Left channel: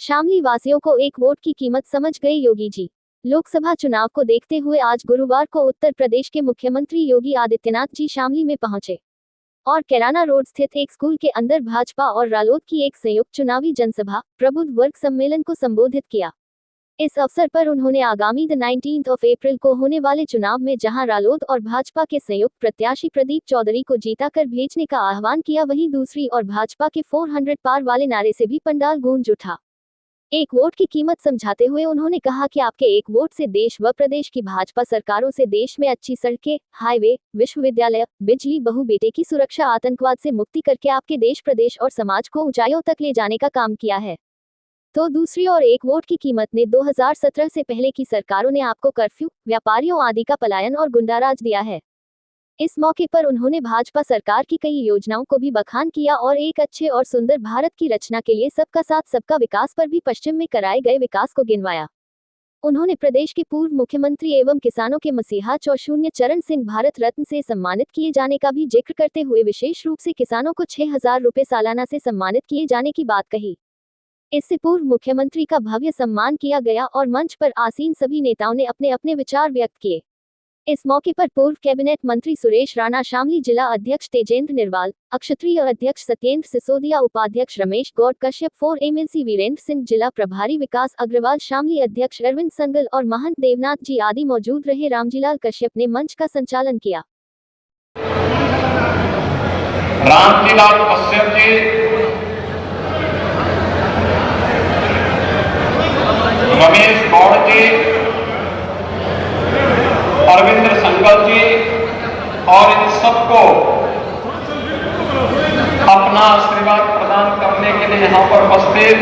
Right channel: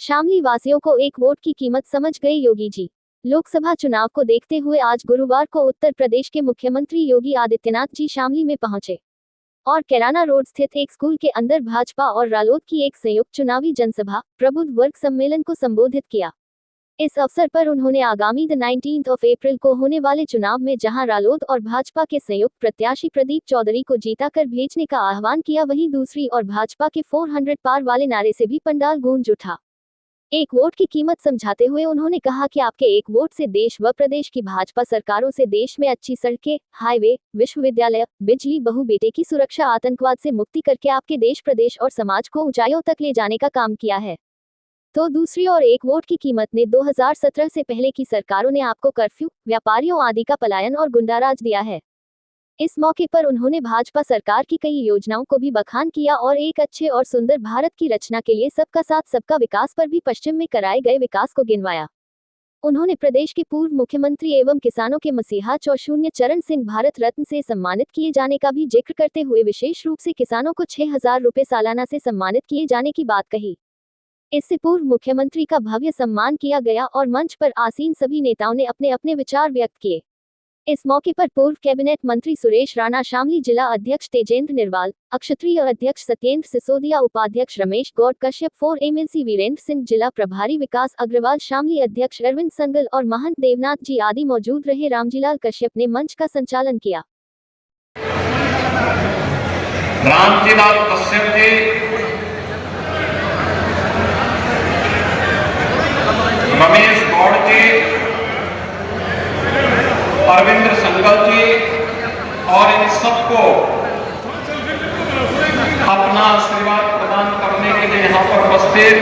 शामली वासियों को एक वोट की कीमत समझ गए योगी जी। लोकसभा चुनाव को देखते हुए आज गुरुवार को उत्तर प्रदेश के मुख्यमंत्री योगी आदित्यनाथ जी शामली में पहुंचे और कैराना रोड स्थित एक स्कूल के अंदर भाजपा और रालोद की एक संयुक्त चुनावी जनसभा प्रबुद्ध वर्ग सम्मेलन को संबोधित किया। इस अवसर पर उन्होंने आगामी 19 अप्रैल को होने वाले चुनाव में जहां रालोद और भाजपा के संयुक्त प्रत्याशी प्रदीप चौधरी को जीताकर भेजने का आह्वान किया, वहीं दूसरी ओर भाजपा के 400 पार वाले नारे से भी पंडाल गूंज उठा। एक वोट की कीमत समझाते हुए उन्होंने कहा कि आपके एक वोट से देश व प्रदेश की भाजपा सरकारों से देश में अच्छी सड़कें, हाईवे, विश्वविद्यालय, बिजली, बहु बेटे की सुरक्षा, आतंकवाद से मुक्ति करके आपके देश, प्रदेश और समाज को ऊंचाइयों तक ले जाने का काम किया है। तो दूसरी ओर एक वोट की कीमत ने 2017 से पहले की सरकारों ने आपको कर्फ्यू, व्यापारियों आदि का पलायन और गुंडाराज दिया है। इस मौके पर उन्होंने भाजपा सरकार की कई योजनाओं को भी बखान किया और एक अच्छे और सुंदर भारत की रचना के लिए सबका साथ सबका विकास पर भी पश्चिम में कराए गए विकास को गिनवाया। उन्होंने प्रदेश के पूर्व मुख्यमंत्री एवं किसानों के मसीहा चौशून्य चरण सिंह भारत रत्न से सम्मानित किए जाने का भी जिक्र करते हुए विशेष रूप से किसानों को 6,000 रुपए सालाना से सम्मानित किए जाने की बात कही। इससे पूर्व मुख्यमंत्री का भव्य सम्मान किया गया और मंच पर आसीन सभी नेताओं ने अपने अपने विचार व्यक्त किए। इस मौके पर पूर्व कैबिनेट मंत्री सुरेश राणा, शामली जिला अध्यक्ष तेजेंद्र निर्वाल, अक्षत्रिय अध्यक्ष सत्येंद्र सिसोदिया, उपाध्यक्ष रमेश गौड़ कश्यप, 4 MLC वीरेंद्र सिंह, जिला प्रभारी विकास अग्रवाल, शामली अध्यक्ष अरविंद संगल और महंत देवनाथ जी आदि मौजूद रहे। रामजीलाल कश्यप ने मंच का संचालन किया। रामजीलाल कश्यप जी, रमेश गौड़ जी, अरविंद संगल जी और इन सबको अपना आशीर्वाद प्रदान करने के लिए यहाँ पर उपस्थित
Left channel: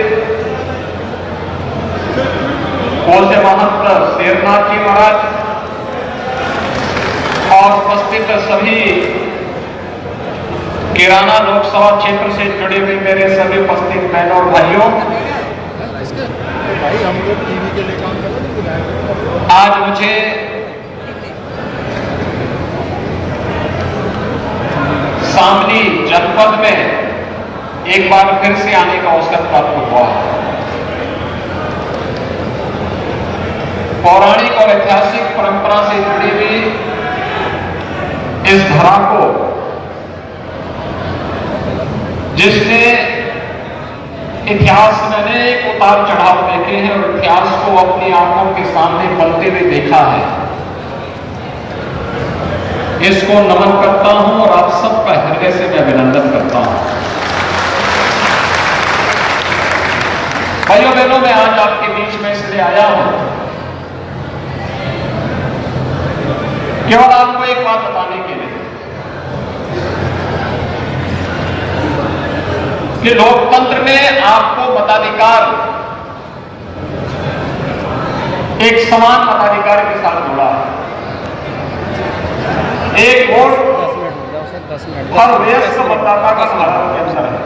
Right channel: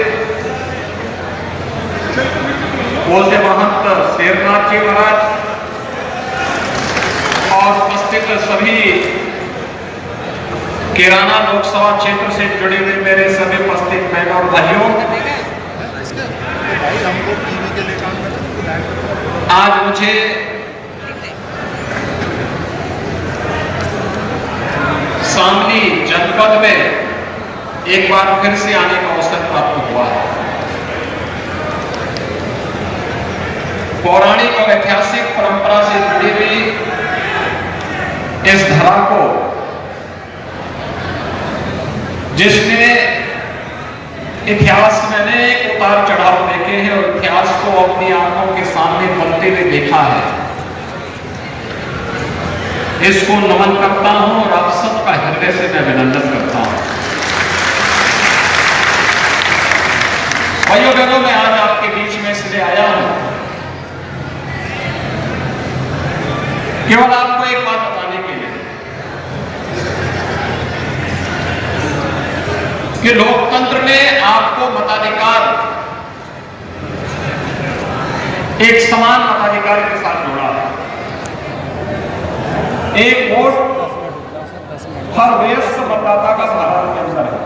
पूज्य महंत शेरनाथ जी महाराज और उपस्थित सभी कैराना लोकसभा क्षेत्र से जुड़े हुए मेरे सभी उपस्थित बहनों और भाइयों, आज मुझे शामली जनपद में एक बार फिर से आने का अवसर प्राप्त हुआ है। पौराणिक और ऐतिहासिक परंपरा से जुड़ी हुई इस धरा को, जिसने इतिहास में अनेक उतार चढ़ाव देखे हैं और इतिहास को अपनी आंखों के सामने बनते हुए देखा है, इसको नमन करता हूं और आप सबका हृदय से मैं अभिनंदन करता हूं। भाइयों बहनों, मैं आज आपके बीच में इसलिए आया हूं केवल आपको एक बात बताने के लिए कि लोकतंत्र में आपको मताधिकार एक समान मताधिकार के साथ जुड़ा है। एक वोट हर वयस्क मतदाता का भारत के अंदर है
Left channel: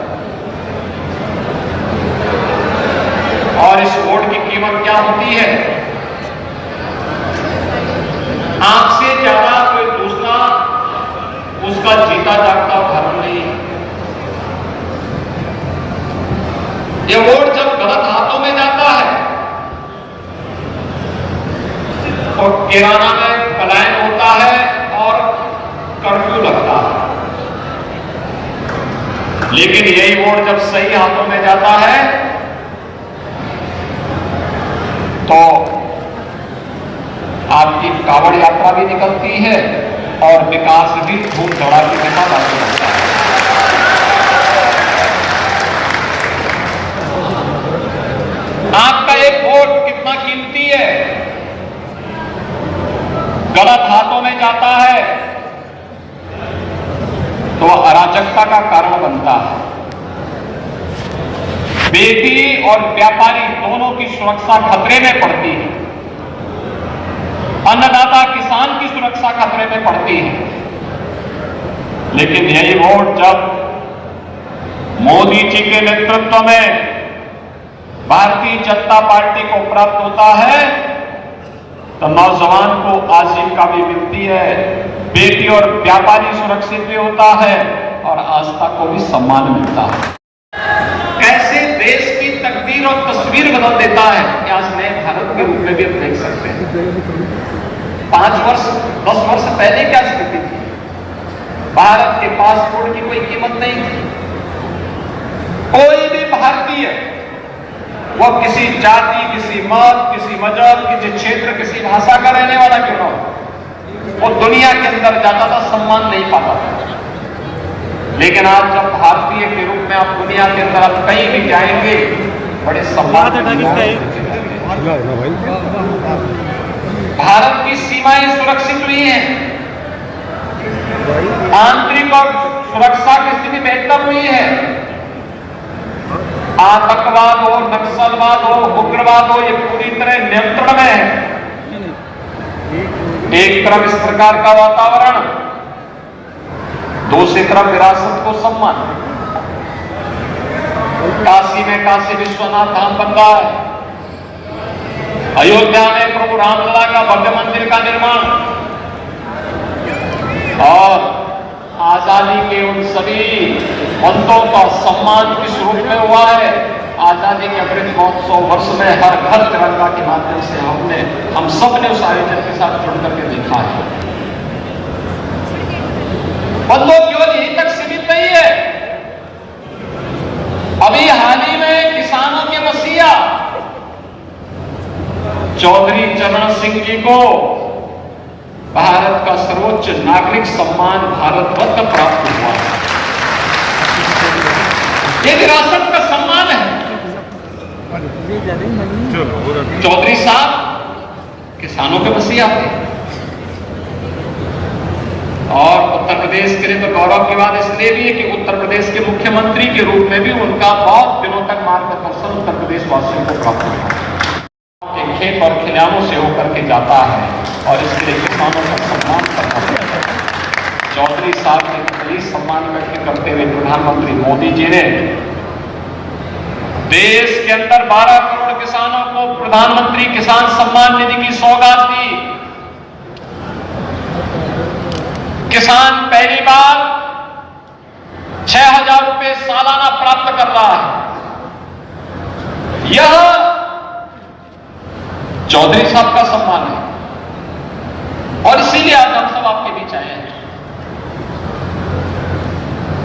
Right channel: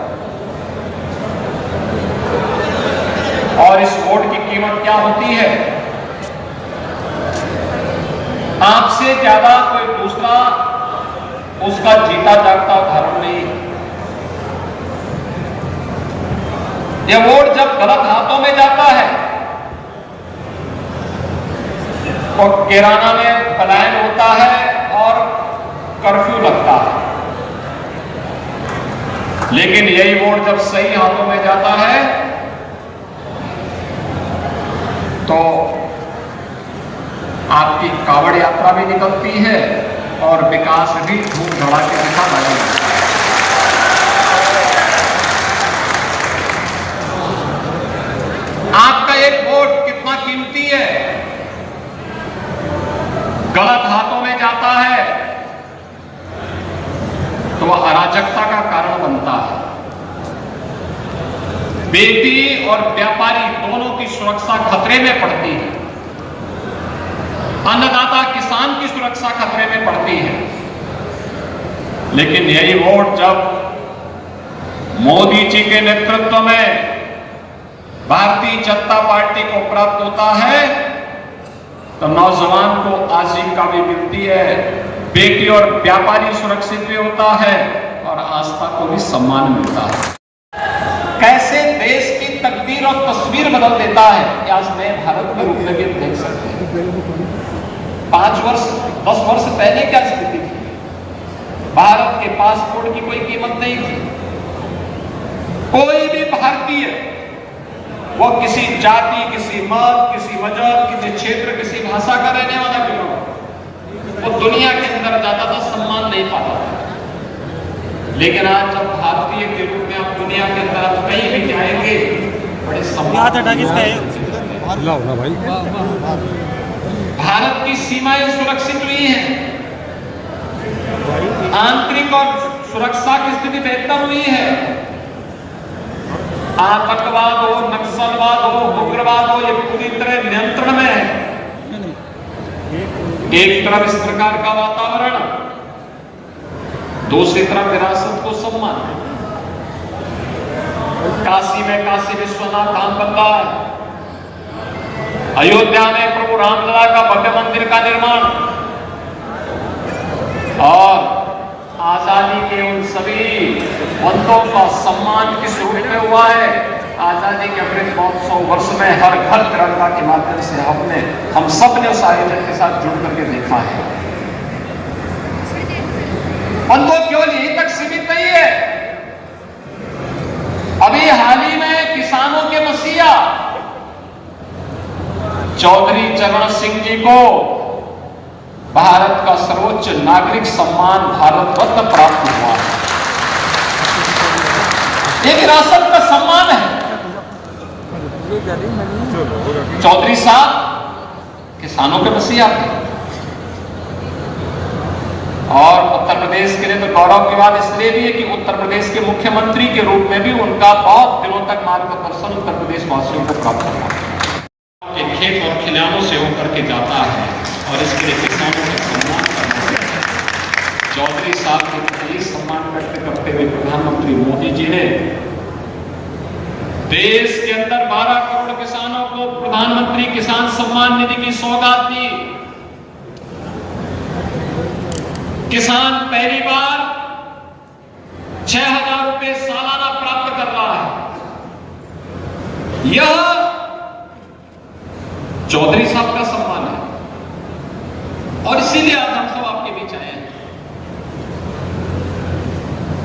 और इस वोट की कीमत क्या होती है? आपसे ज्यादा कोई दूसरा उसका जीता जागता धर्म नहीं। यह वोट जब गलत हाथों में जाता है तो कैराना में पलायन होता है और कर्फ्यू लगता है, लेकिन यही वोट जब सही हाथों में जाता है तो आपकी कावड़ यात्रा भी निकलती है और विकास भी धूम धड़ाके के साथ आगे बढ़ता है। आपका एक वोट कितना कीमती है, गलत हाथों में जाता है तो अराजकता का कारण बनता है। बेटी और व्यापारी दोनों की सुरक्षा खतरे में पड़ती है, अन्नदाता किसान की सुरक्षा खतरे में पड़ती है। लेकिन यही वोट जब मोदी जी के नेतृत्व में भारतीय जनता पार्टी को प्राप्त होता है तो नौजवान को आजीविका भी मिलती है, बेटी और व्यापारी सुरक्षित भी होता है और आस्था को भी सम्मान मिलता है। कैसे देश की तकदीर और तस्वीर में भी देख सकते हैं। 5 वर्ष 10 वर्ष पहले क्या स्थिति थी? भारत के पासपोर्ट की कोई कीमत नहीं थी। कोई भी भारतीय, वो किसी जाति, किसी मत, किसी मजहब, किसी क्षेत्र, किसी भाषा का रहने वाला क्यों ना हो, वो दुनिया के अंदर जाता था, सम्मान नहीं पाता था। लेकिन आज जब भारतीय के रूप में आप दुनिया के अंदर कहीं भी जाएंगे, बड़े सम्मान। भारत की सीमाएं सुरक्षित हुई हैं, आंतरिक और सुरक्षा की स्थिति बेहतर हुई है। आतंकवाद हो, नक्सलवाद हो, उग्रवाद हो, ये पूरी तरह नियंत्रण में है। एक तरफ इस प्रकार का वातावरण, दूसरी तरफ विरासत को सम्मान। काशी में काशी विश्वनाथ धाम बन रहा है, अयोध्या में प्रभु रामलला का भव्य मंदिर का निर्माण, और आजादी के उन सभी बंदों का सम्मान किस रूप में हुआ है। आजादी के अमृत महोत्सव वर्ष में हर घर तिरंगा के माध्यम से हम सब ने उस आयोजन के साथ जुड़ करके देखा है। बंदों केवल यहीं तक सीमित नहीं है। अभी हाल ही में किसानों के मसीहा चौधरी चरण सिंह जी को भारत का सर्वोच्च नागरिक सम्मान भारत रत्न प्राप्त हुआ। ये विरासत का सम्मान है। चौधरी साहब किसानों के मसीहा थे, और उत्तर प्रदेश के लिए तो गौरव की बात इसलिए भी है कि उत्तर प्रदेश के मुख्यमंत्री के रूप में भी उनका बहुत दिनों तक मार्गदर्शन उत्तर प्रदेश वासियों को प्राप्त हुआ। खेत और खलिहानों से होकर के जाता है, और इसके लिए किसानों का सम्मान करना पड़ता है। चौधरी साहब के प्रति सम्मान व्यक्त करते हुए प्रधानमंत्री मोदी जी ने देश के अंदर 12 करोड़ किसानों को प्रधानमंत्री किसान सम्मान निधि की सौगात दी। किसान पहली बार 6,000 रुपए सालाना प्राप्त कर रहा है। यह चौधरी साहब का सम्मान है, और इसीलिए आज हम सब आपके बीच आए हैं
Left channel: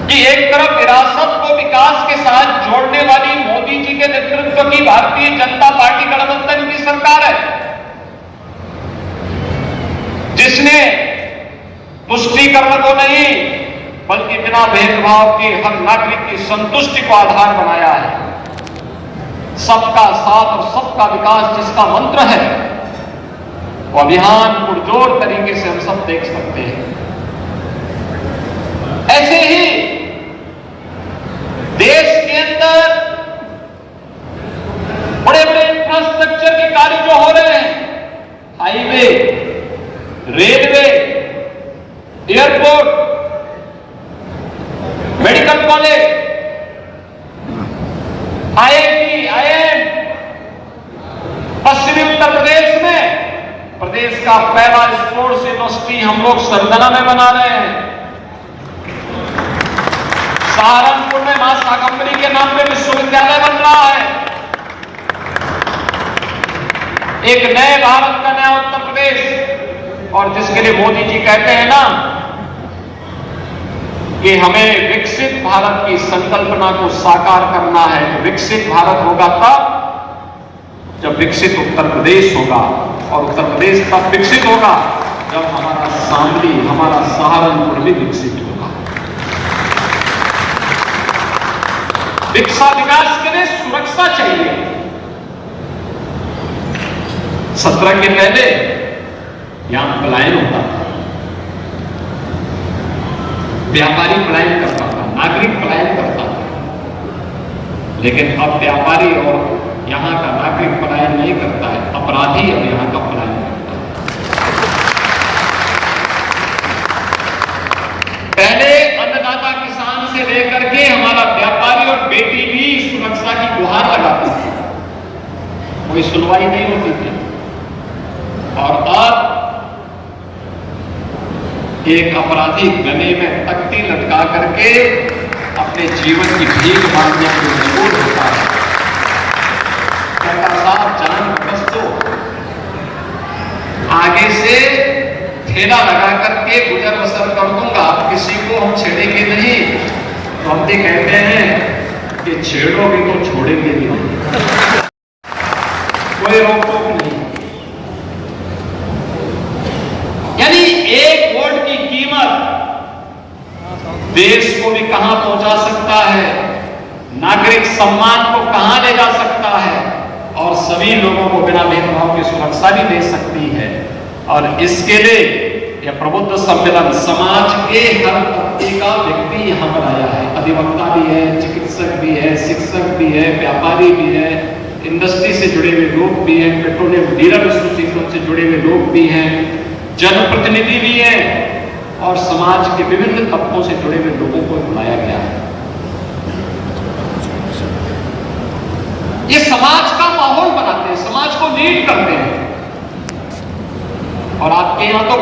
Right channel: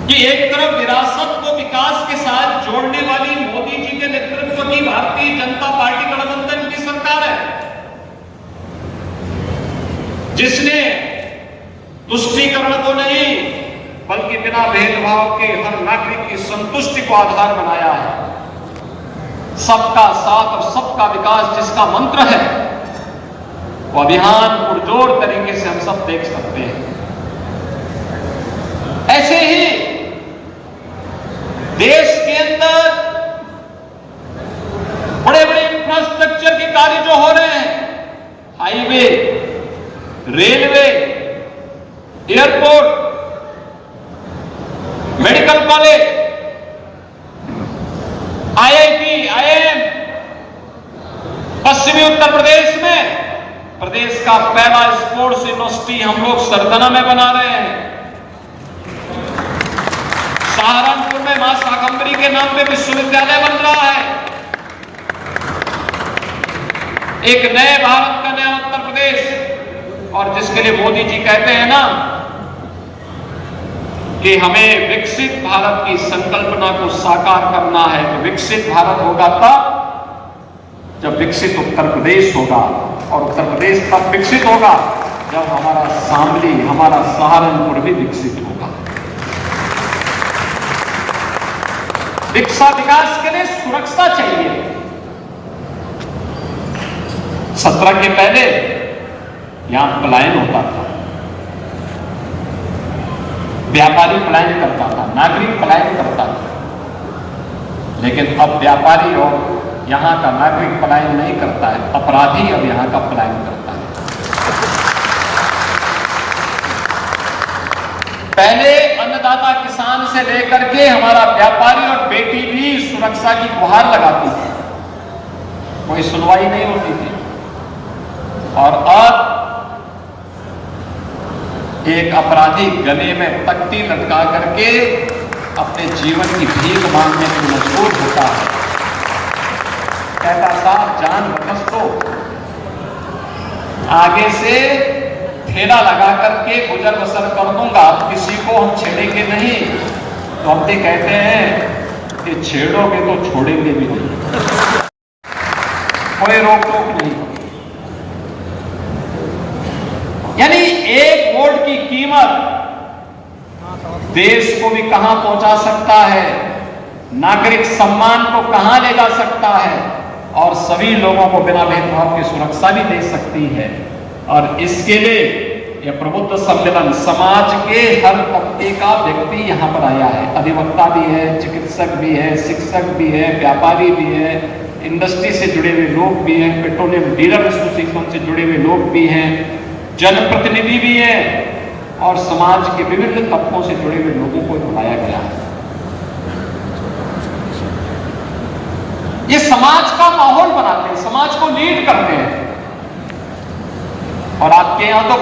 कि एक तरफ विरासत को विकास के साथ जोड़ने वाली मोदी जी के नेतृत्व की भारतीय जनता पार्टी गठबंधन की सरकार है, जिसने तुष्टीकरण को नहीं बल्कि बिना भेदभाव के हर नागरिक की संतुष्टि को आधार बनाया है। सबका साथ और सबका विकास जिसका मंत्र है, वो अभियान पुरजोर तरीके से हम सब देख सकते हैं। ऐसे ही देश के अंदर बड़े बड़े इंफ्रास्ट्रक्चर के कार्य जो हो रहे हैं, highway, railway, airport, medical college, IIT, IIM, पश्चिमी उत्तर प्रदेश में प्रदेश का पहला स्पोर्ट्स यूनिवर्सिटी हम लोग सरगना में बना रहे हैं। सहारनपुर में मां शाकंभरी के नाम पे विश्वविद्यालय बन रहा है। एक नए भारत का नया उत्तर प्रदेश, और जिसके लिए मोदी जी कहते हैं ना कि हमें विकसित भारत की संकल्पना को साकार करना है। विकसित भारत होगा तब जब विकसित उत्तर प्रदेश होगा, और उत्तर प्रदेश तब विकसित होगा जब हमारा शामली, हमारा सहारनपुर भी विकसित होगा। विकास के लिए सुरक्षा चाहिए। 17 के पहले यहां पलायन होता था, व्यापारी पलायन करता था, नागरिक पलायन करता था, लेकिन अब व्यापारी और यहां का नागरिक पलायन नहीं करता है, अपराधी अब यहां का पलायन करता है। पहले अन्नदाता किसान से लेकर के हमारा व्यापारी और बेटी भी सुरक्षा की गुहार लगाती थी, कोई सुनवाई नहीं होती थी। और अब एक अपराधी गले में तख्ती लटका करके अपने जीवन की भीख मांगने पर मजबूर होता है। कहता साहब जान बख्श दो, आगे से ठेला लगा करके गुजर बसर कर दूंगा, किसी को हम छेड़ेंगे नहीं। तो हम भी कहते हैं कि छेड़ोगे तो छोड़ेंगे भी नहीं, कोई रोक टोक नहीं। यानी एक वोट की कीमत देश को भी कहां पहुंचा सकता है, नागरिक सम्मान को कहां ले जा सकता है, और सभी लोगों को बिना भेदभाव की सुरक्षा भी दे सकती है। और इसके लिए यह प्रबुद्ध सम्मेलन समाज के हर तबके का व्यक्ति यहां पर आया है। अधिवक्ता भी है, चिकित्सक भी है, शिक्षक भी है, व्यापारी भी है, इंडस्ट्री से जुड़े हुए लोग भी हैं, पेट्रोलियम डीलर एसोसिएशन से जुड़े हुए लोग भी हैं, जनप्रतिनिधि भी हैं, और समाज के विभिन्न तबकों से जुड़े हुए लोगों को बुलाया गया है। ये समाज का माहौल बनाते हैं, समाज को लीड करते हैं। और आपके यहां तो